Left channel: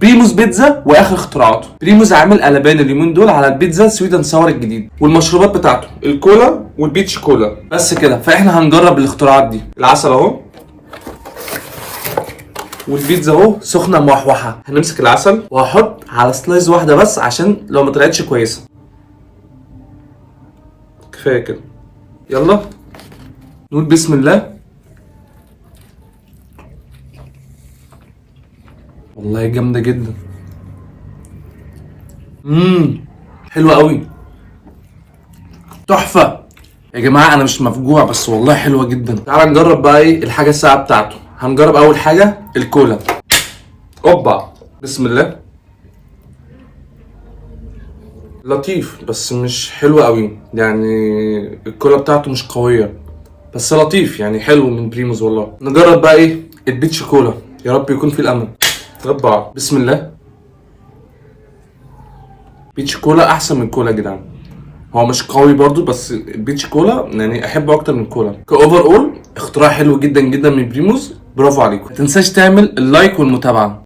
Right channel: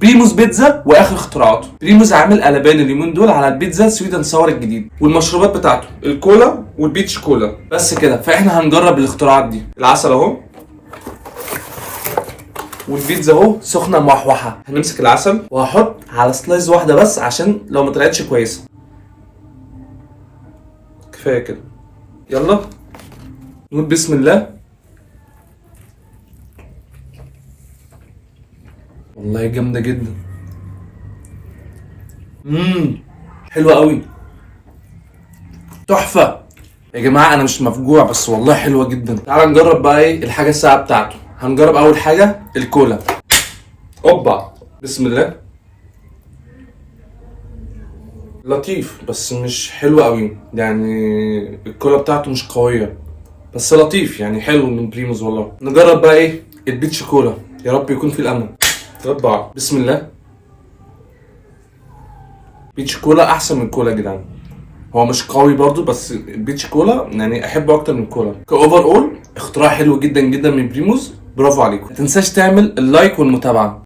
بريموز بيتزا واخر اختراعاته. بريموز عامل قلبان اليومين دول على البيتزا سويدن ساور الجديد، والمشروبات بتاعته الكولا والبيتش كولا. بس كده، فاحنا هنجرب الاختراعات دي. العسل اهو، والبيتزا اهو سخنه موحوحه. هنمسك العسل وهحط على سلايز واحده بس عشان لو ما طلعتش كويسه. كفايه كده. يلا نقول بسم الله. والله جامده جدا. حلوه قوي، تحفه يا جماعه. انا مش مفجوع بس والله حلوه جدا. تعال نجرب بقى ايه الحاجه الساقعه بتاعته. هنجرب اول حاجه الكولا. اوبا، بسم الله. لطيف بس مش حلو قوي يعني. الكولا بتاعته مش قويه بس لطيف يعني، حلو من بريموز والله. نجرب بقى ايه البيتش كولا، يا رب يكون في الامل. اوبا، بسم الله. بيتش كولا احسن من كولا يا جدعان. هو مش قوي برضو بس البيتش كولا يعني احبه اكتر من كولا. كاوفر اول اختراع حلو جدا جدا من بريموز. برافو عليكم. ما تنساش تعمل اللايك والمتابعه.